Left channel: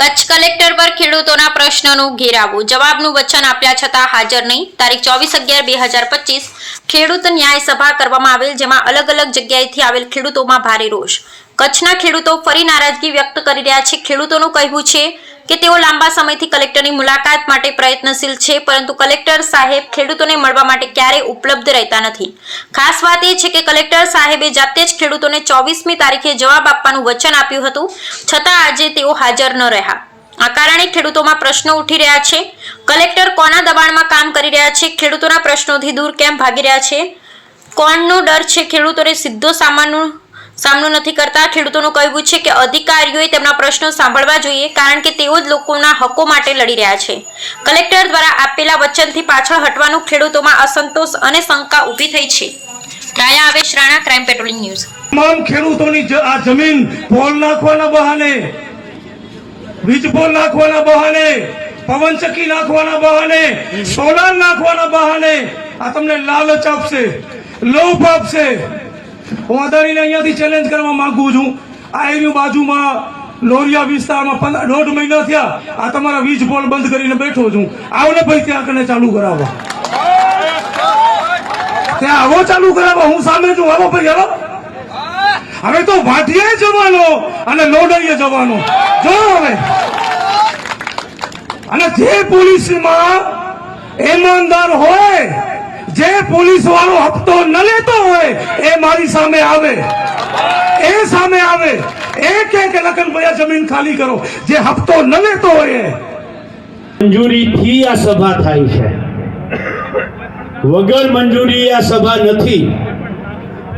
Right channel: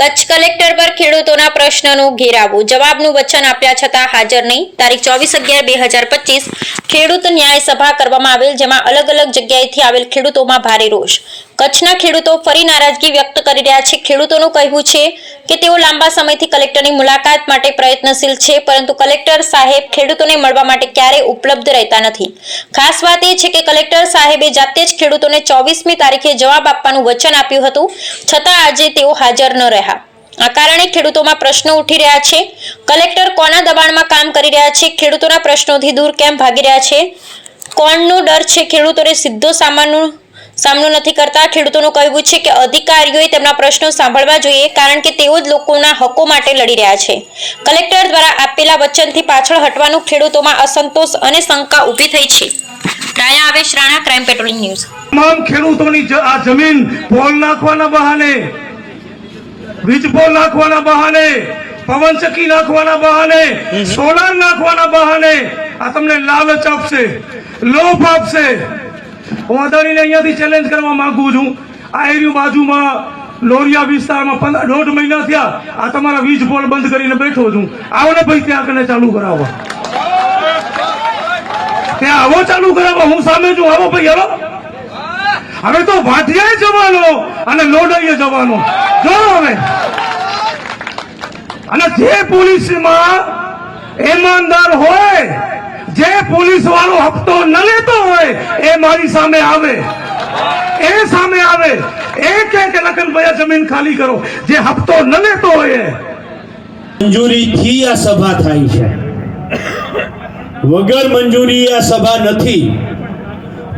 Kutch collector પર ખેડૂતોના પ્રશ્નનું ઘેરાવું, જવાબનું વચન આપ્યા છતાં હાજર નહીં. તારીખ 24/11/2025 ખેડૂત ન્યાય સભા કરવામાં આવેલ, જેમાં અલગ અલગ જગ્યાએથી આવેલ ખેડૂતોમાં ભારે રોષ. કચ્છના ખેડૂતો ફરી નારાજગી વ્યક્ત કરી રહ્યા છે. ખેડૂતોનું કહેવું છે કે તેઓ લાંબા સમયથી કલેક્ટરની મુલાકાત માટે પ્રયત્નશીલ છે, પરંતુ કલેક્ટર સાહેબ ખેડૂતોને મળવા માટે ક્યારેય ઉપલબ્ધ રહેતા નથી. ખાસ વાત એ છે કે કલેક્ટર સાહેબે જાતે જ ખેડૂતોને 24મી તારીખે જવાબ આપવાનું વચન આપ્યું હતું, છતાં આજે તેઓ હાજર ન રહ્યા. આ કારણે ખેડૂતોમાં પ્રશ્નો ઉઠી રહ્યા છે. કલેક્ટર કોના દબાણમાં કામ કરી રહ્યા છે? ખેડૂતોના પ્રશ્નોથી દૂર કેમ ભાગી રહ્યા છે? કોણનો ડર છે? ખેડૂતોને સીધો સામનો નથી કરતા. ખેડૂતોનું કહેવું છે કે અધિકારીઓએ તેમના પ્રશ્નો સાંભળવા જોઈએ, કારણ કે તેઓ જ લોકોના હકો માટે લડી રહ્યા છે. કલેક્ટર દ્વારા આપેલા વચનથી પાછળ હટવાનું ખેડૂતોમાં અસંતોષ અને શંકા ઊભી થઈ છે. રાયા આવેશ રાણા, ક્રાઇમ પેટ્રોલિંગ ન્યૂઝ. તમામ ખેડૂતોની આ જમીન પોલ નાખવાના બહાને, વીજપોલ નાખવાના બહાને, પવનચક્કી નાખવાના બહાને, સોલાર નાખવાના બહાને આ તમને લાલચ આપશે, લોભ આપશે. હું અદાણીને અહીંયાથી ચેલેન્જ કરવા માંગુ છું. આ એરિયા બાજુમાં લોરિયા વિસ્તારમાં 1.5 મહિના થયા આ તમારા વીજ પોલ બંધ કરીને બેઠો છું. આવો ને ભાઈ ત્યાં કને ચાલુ કરાવો, ત્યાં આવો ચાલુ કરાવો. હું સામે છું, આવો ભાઈ આવો. હવે તો વાઢિયાએ જવાનો અને લોડાઈએ જવાનો. જો હવે અને જે પોલીસમાં ઈમાનદાર હોય, જે પોલીસ વાળો હપ્તો ન લેતો હોય એ મારી સામે આવે, એ સામે આવે. એક લખનભાઈ જમીન ખાલી કરો જે હપ્તો ન લેતો હોય. મંજૂરીથી આ સભા થાય છે, વગર મંજૂરી આ સભા નથી.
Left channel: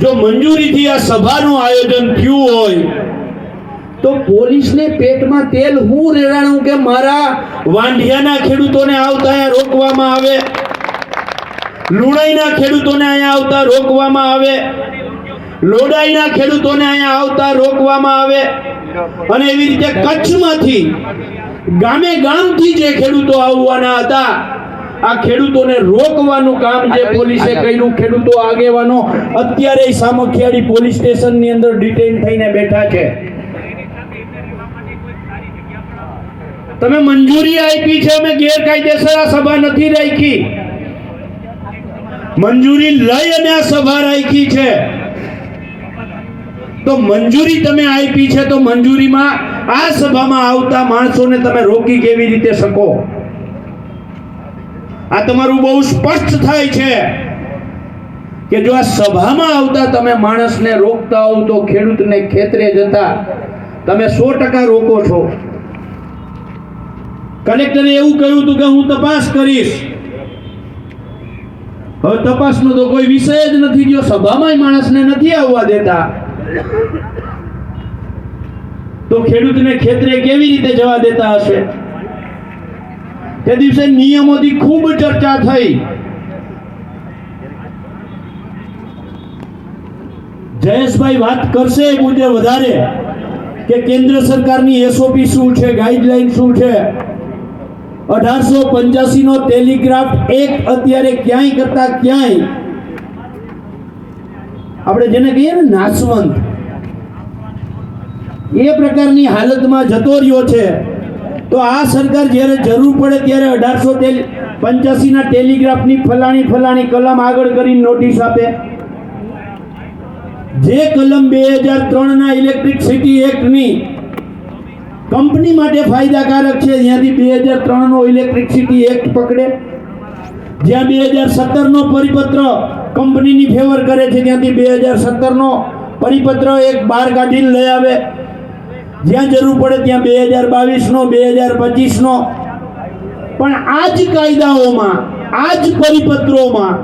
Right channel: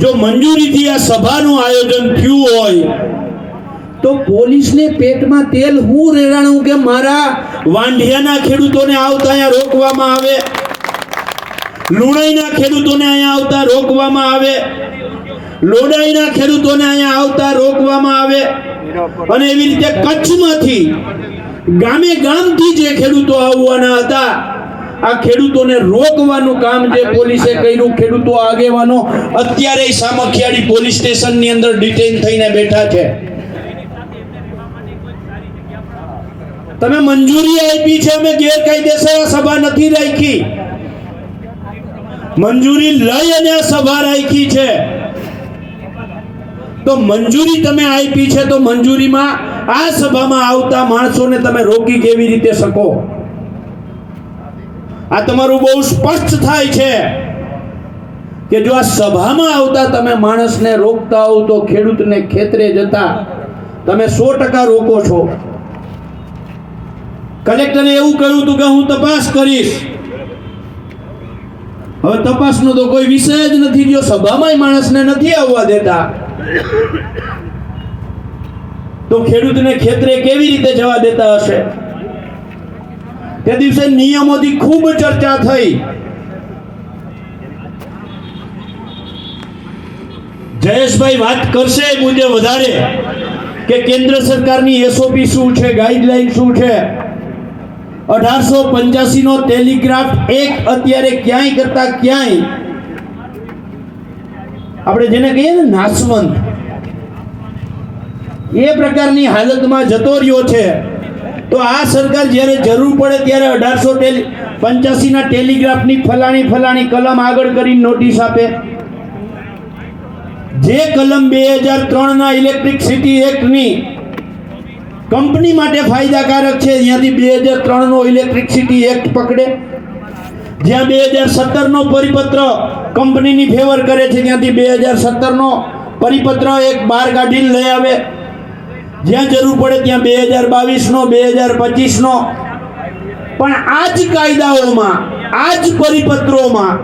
જો મંજૂરીથી આ સભાનું આયોજન થયું હોય તો પોલીસને પેટમાં તેલ હું રેડાણું કે મારા વાંઢિયાના ખેડૂતોને આવતા અહીંયા રોકવામાં આવે, લુણાઈના ખેડૂતોને અહીંયા આવતા રોકવામાં આવે, લોડાઈના ખેડૂતોને અહીંયા આવતા રોકવામાં આવે. અને એવી રીતે કચ્છમાંથી ગામે ગામથી જે ખેડૂતો આવવાના હતા આ ખેડૂતોને રોકવાનું કામ જે પોલીસે કર્યું. ખેડૂતો આગેવાનો અત્યારે સામખિયાળી પોલીસ સ્ટેશનની અંદર ડિટેન થઈને બેઠા છે. તમે મંજૂરી આપી છે, અમે ગેરકાયદેસર આ સભા નથી રાખી. મંજૂરી લઈ અને આ સભા રાખી છે. તો મંજૂરી તમે આપી છે તો મંજૂરીમાં આ સભામાં આવતા માણસોને તમે રોકી કેવી રીતે શકો? આ તમારું બહુ સ્પષ્ટ થાય છે કે જો આ સભામાં આવતા તમે માણસને રોકતા હો તો ખેડૂતને ખેતરે જતા તમે 100% રોકો છો. કલેક્ટરે એવું કહ્યું હતું કે હું તપાસ કરીશ. હવે તપાસનો તો કોઈ વિષય જ નથી. જો સભામાં માણસને નથી આવવા દેતા તો ખેડૂતને ખેતરે કેવી રીતે જવા દેતા હશે? તે દિવસે નિયમોથી ખૂબ ચર્ચા થઈ. જયેશભાઈ વાત કરશે મુજબ વધારે કે કેન્દ્ર સરકારની એસઓપી શું છે, ગાઈડલાઈન શું છે. 1885 નો ટેલિગ્રાફ એક્ટ અત્યારે ક્યાંય કરતા ક્યાંય આપણે જેને કહીએ ને નાશવંત, એ પ્રકારની હાલતમાં જતો રહ્યો છે. તો આ સરકાર જ્યારે જરૂર પડે ત્યારે 1885 ના ટેલિગ્રાફની ફલાણી કલમ આગળ કરીને નોટિસ આપે. જે કલમ 2003 ના ઇલેક્ટ્રિસિટી એક્ટની કંપની માટે ફાયદાકારક છે ત્યાંથી 2003 નો ઇલેક્ટ્રિસિટી એક્ટ પકડે. જ્યાં 2017 નો પરિપત્ર કંપનીની ફેવર કરે છે ત્યાંથી 2017 નો પરિપત્ર એક બહાર કાઢીને લઈ આવે. જ્યાં જરૂર પડે ત્યાં 2022 નો, 2025 નો. પણ આ જ કાયદાઓમાં, આ જ પરિપત્રોમાં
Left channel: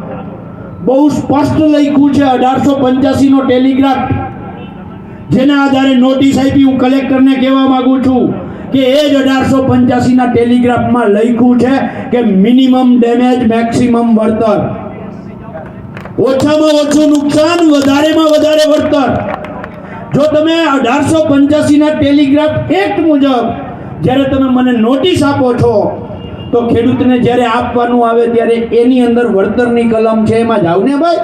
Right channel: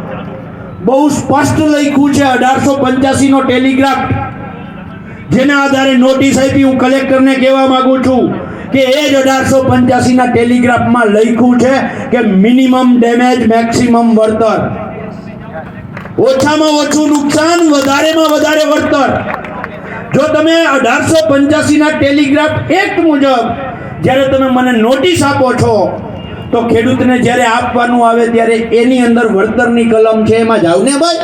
બહુ સ્પષ્ટ લખ્યું છે 1885 નો ટેલિગ્રાફ, જેના આધારે નોટિસ આપી. હું કલેક્ટરને કહેવા માંગુ છું કે એ જ 1885 ના ટેલિગ્રાફમાં લખ્યું છે કે મિનિમમ ડેમેજ મેક્સિમમ વળતર, ઓછામાં ઓછું નુકસાન, વધારેમાં વધારે વળતર. જો તમે 1885 ના ટેલિગ્રાફ એક્ટ મુજબ જ્યારે તમે મને નોટિસ આપો છો તો ખેડૂતને જ્યારે આપવાનું આવે ત્યારે એની અંદર વળતરની કલમ છે, એમાં જાવ ને ભાઈ.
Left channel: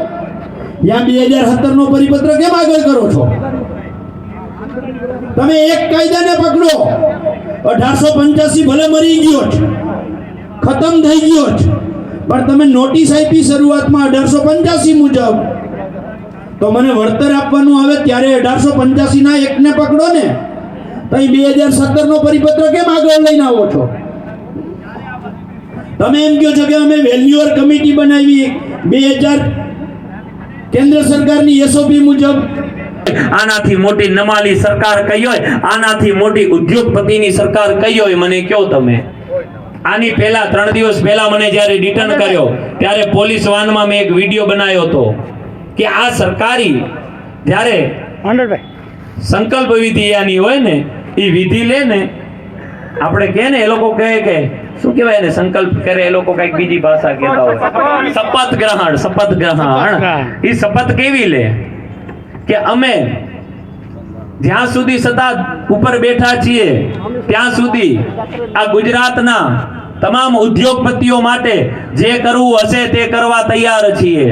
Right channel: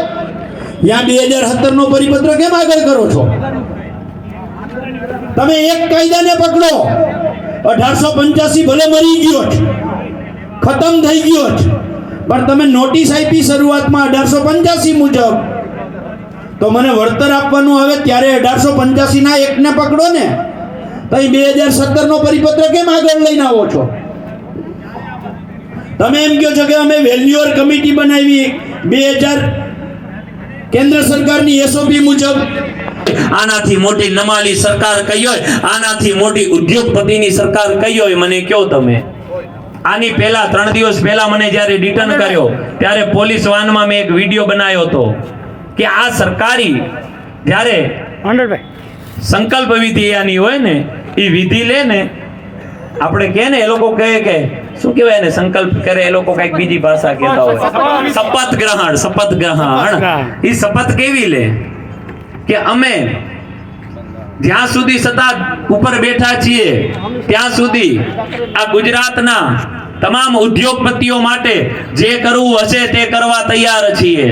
ત્યાં 2017 નો પરિપત્ર કેમ આગળ કરો છો? તમે એક કાયદાને પકડો. 1885 ભલે મરી ગયો છે, ખતમ થઈ ગયો છે, પણ તમે નોટિસ આપી શરૂઆતમાં 1885 મુજબ, તો મને વળતર આપવાનું આવે ત્યારે 1885 ના એકને પકડો ને, તો અહીં 2017 નો પરિપત્ર કેમ આગળ લઈને આવો છો? તમે એમ કહો છો કે અમે વેલ્યુઅર કમિટી બનાવી 2000 કેન્દ્ર સરકારની એસઓપી મુજબ. આનાથી મોટી નમાલી સરકાર કઈ હોય, આનાથી મોટી ઉદ્યોગપતિની સરકાર કઈ હોય, મને કહો તમે. આની પહેલા 3 દિવસ પહેલા મને જ્યારે રિટર્ન કર્યો ત્યારે પોલીસ વાનમાં મેં એક વિડીયો બનાવ્યો હતો કે આ સરકારી જ્યારે સંકલ્પ વિધિ આની હોય ને, એ વિધિ લે ને, આપણે કહે ને, એ લોકો કહે કે શું કહેવાય ને, સંકલ્પ કરે એ લોકો કઈક બીજી ભાષા કહેતા હોય, શપથ ગ્રહણ. એ શપથ કેવી લે કે અમે જ્યાં સુધી સત્તા ઉપર બેઠા છીએ ત્યાં સુધી આ ગુજરાતના તમામ ઉદ્યોગપતિઓ માટે જે કરવું હશે તે કરવા તૈયાર છીએ.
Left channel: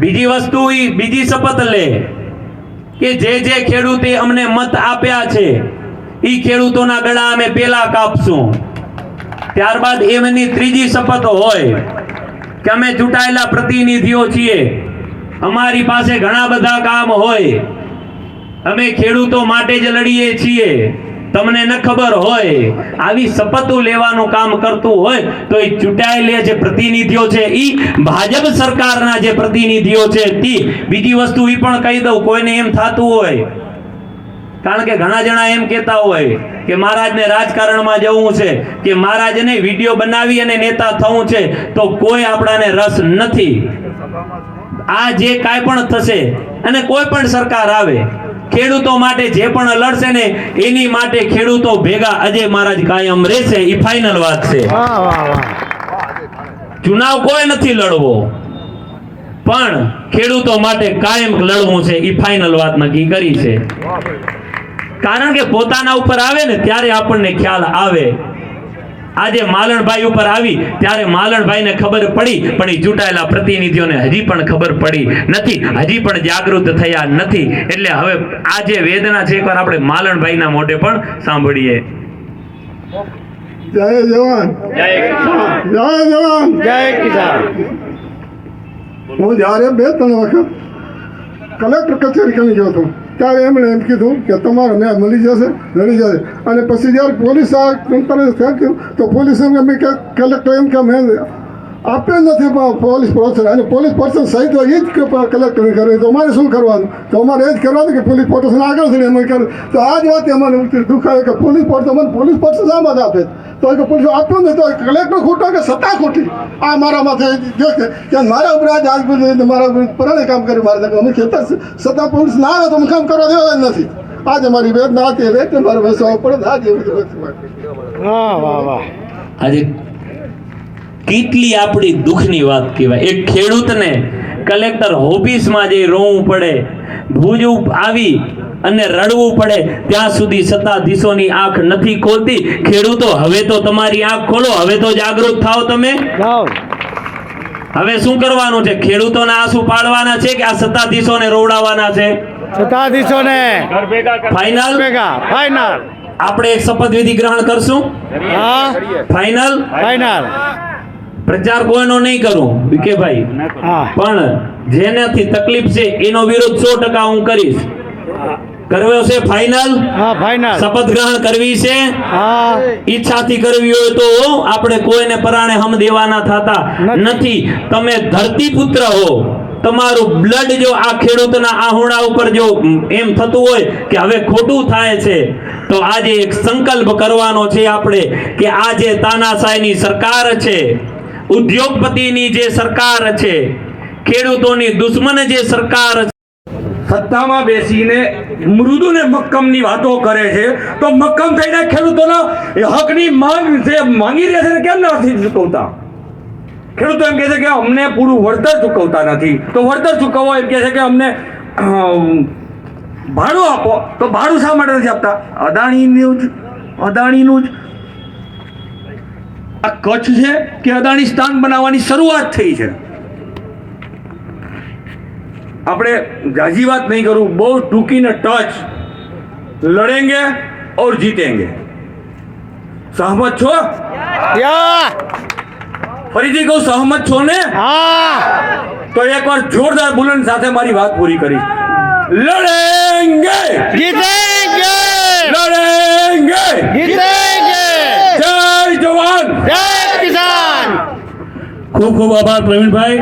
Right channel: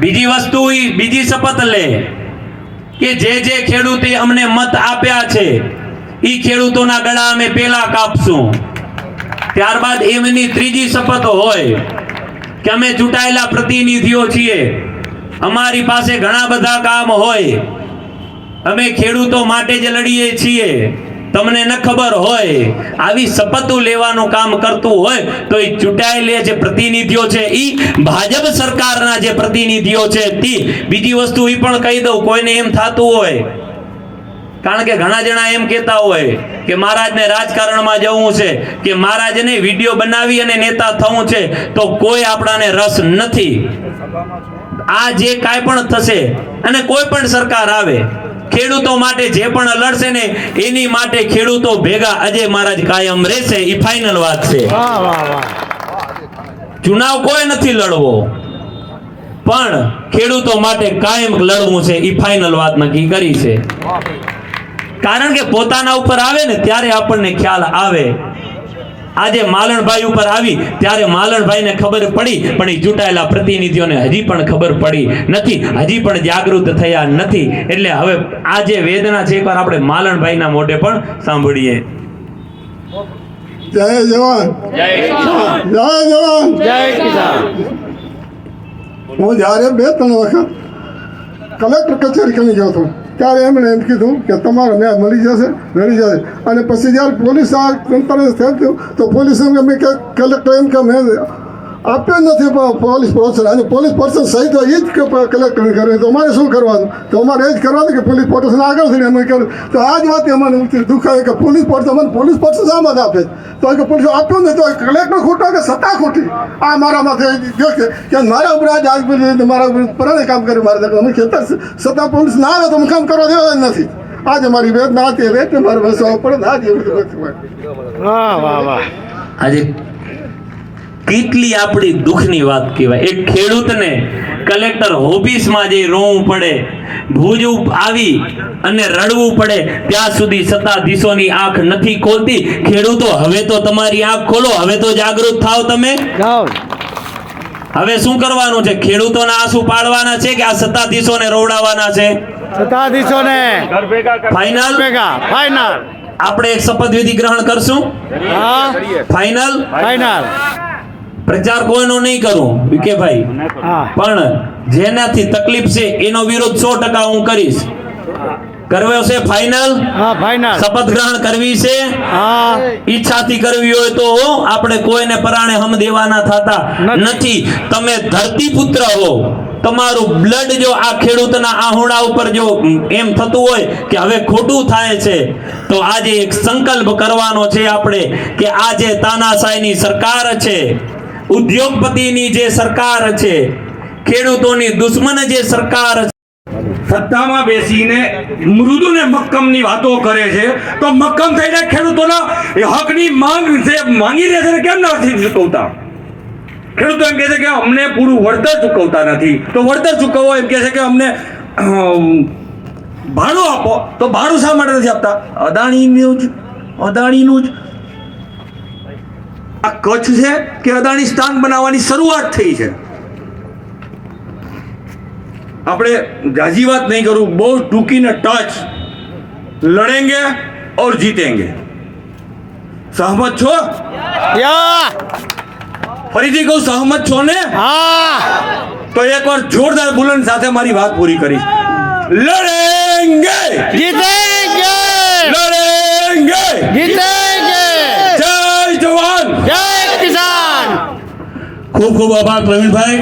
બીજી વસ્તુ, બીજી શપથ લે કે જે ખેડૂતે અમને મત આપ્યા છે એ ખેડૂતોના ગળા અમે પેલા કાપશું. ત્યારબાદ એમની ત્રીજી શપથ હોય કે અમે ચૂંટાયેલા પ્રતિનિધિઓ છીએ, અમારી પાસે ઘણા બધા કામ હોય, અમે ખેડૂતો માટે જ લડીએ છીએ, તમને ન ખબર હોય. આવી શપથો લેવાનું કામ કરતું હોય તો એ ચૂંટાયેલા જે પ્રતિનિધિઓ છે એ ભાજપ સરકારના જે પ્રતિનિધિઓ છે તે. બીજી વસ્તુ એ પણ કહી દઉં, કોઈને એમ થતું હોય, કારણ કે ઘણા જણા એમ કહેતા હોય કે મહારાજને રાજકારણમાં જવું છે, કે મહારાજને વિડીયો બનાવી અને નેતા થવું છે, તો કોઈ આપણાને રસ નથી. આ જે કાંઈ પણ થશે અને કોઈ પણ સરકાર આવે, ખેડૂતો માટે જે પણ લડશે ને એની માટે ખેડૂતો ભેગા અજય મહારાજ કાયમ રહેશે. એ ફાઇનલ વાત છે. ચુનાવ કોઈ નથી લડવો, પણ ખેડૂતો માટે કાયમ લડવું છે. એ ફાઇનલ વાત નક્કી કરી છે. કારણ કે પોતાના ઉપર આવે ને ત્યારે આપણને ખ્યાલ આવે. આજે માલણભાઈ ઉપર આવી ત્યારે માલણભાઈને ખબર પડી, પણ એ ચૂંટાયેલા પ્રતિનિધિઓને હજી પણ ખબર પડી નથી, હજી પણ જાગૃત થયા નથી. એટલે હવે આ જે વેદના છે એકવાર આપણે માલણભાઈના મોઢે પણ સાંભળીએ. જય જવાન, જય જવાન, જય કિસાન. હું જ્યારે 2-3 વખત કલેક્ટર કચેરી કરી ગયો હતો ત્યારે એમણે એમ કીધું કે તમારો ન્યાય મળી જશે. અને પછી જ્યારે પોલીસ આ થયું તો પોલીસ એમ કે કલેક્ટર એમ કે મેં આપ્યો નથી પોલીસ પર્સન, અને પોલીસ પર્સન સહિત એ જ કલેક્ટર કરે, તો અમારે શું કરવાનું? તો અમારે એ જ કરવાનું કે પોલીસ પર્સન આગળ થઈને અમે કર્યું. તો આ જ વાત અમારે દુઃખ આવે કે પોલીસ પર્સન આમાં જ આપે, તો કે પોલીસ આપ્યો ને તો કલેક્ટર ખોટો કે સત્તા ખોટી. આ મારા માથે જો કે મારા ઉપર આજ મારા ઉપર પરાણે કામ કર્યું, મારે અમે ખેતર સત્તા પોલીસ ના આવે તો અમે કામ કરવા દેવા જ નથી. આજે મારી વેદના હતી, રેતે મારે વસવા પડે. આજે આજે કેટલી આપણી દુઃખની વાત કહેવાય. એક ખેડૂતને કલેક્ટર ઓફિસમાં જઈ રોવું પડે, ભુજ આવી અને રડવું પડે, ત્યાં સુધી સત્તાધીશોની આંખ નથી ખોલતી. ખેડૂતો હવે તો તમારી આંખ ખોલો, હવે તો જાગૃત થાવ. તમે હવે શું કરવાનું છે? ખેડૂતોના આંસુ પાડવાના છે કે આ સત્તાધીશોને રોવડાવવાના છે? સત્તાધીશોને ફાઇનલ. આપણે એક શપથવિધિ ગ્રહણ કરશું. ફાઇનલ. પ્રચાર કોઈનો નહીં કરું વિકેભાઈ, પણ જેનાથી તકલીફ છે એનો વિરોધ 100% હું કરીશ. કરવો છે ફાઇનલ? શપથ ગ્રહણ કરવી છે? ઈચ્છાથી કરવી હોય તો આપણે કોઈને પરાણે હમ દેવાના થતા નથી. તમે ધરતીપુત્ર હો, તમારું બ્લડ જો આ ખેડૂતના આહુડા ઉપર જો એમ થતું હોય કે હવે ખોટું થાય છે, તો આજે એક સંકલ્પ કરવાનો છે આપણે કે આ જે તાનાશાહીની સરકાર છે, ઉદ્યોગપતિની જે સરકાર છે, ખેડૂતોની દુશ્મન જે સરકાર છે, સત્તામાં બેસીને મૃદુ ને મક્કમની વાતો કરે છે, તો મક્કમ થઈને ખેડૂતોના હકની માંગ છે માંગી રહ્યા છે, કેમ નથી ચૂકવતા? ખેડૂતો એમ કહે છે કે અમને પૂરું વળતર ચૂકવતા નથી, તો વળતર ચૂકવો. એમ કહે છે કે અમને ભાડું આપો, તો ભાડું શા માટે નથી આપતા? અદાણીનું જ આ કચ્છ છે કે અદાણી સ્થાન બનાવવાની શરૂઆત થઈ છે. આપણે જાજી વાત નહીં કરું, બહુ ટૂંકીને ટચ, લડેંગે और जीतेंगे. સહમત છો? ફરીથી કહું, સહમત છો ને? તો એકવાર જોરદાર બુલંદ સાથે મારી વાત પૂરી કરીશ. લડેંગે જીતેંગે લડેંગે જીતેંગે જય જવાન જય કિસાન. ખૂબ ખૂબ આભાર પ્રવીણભાઈ.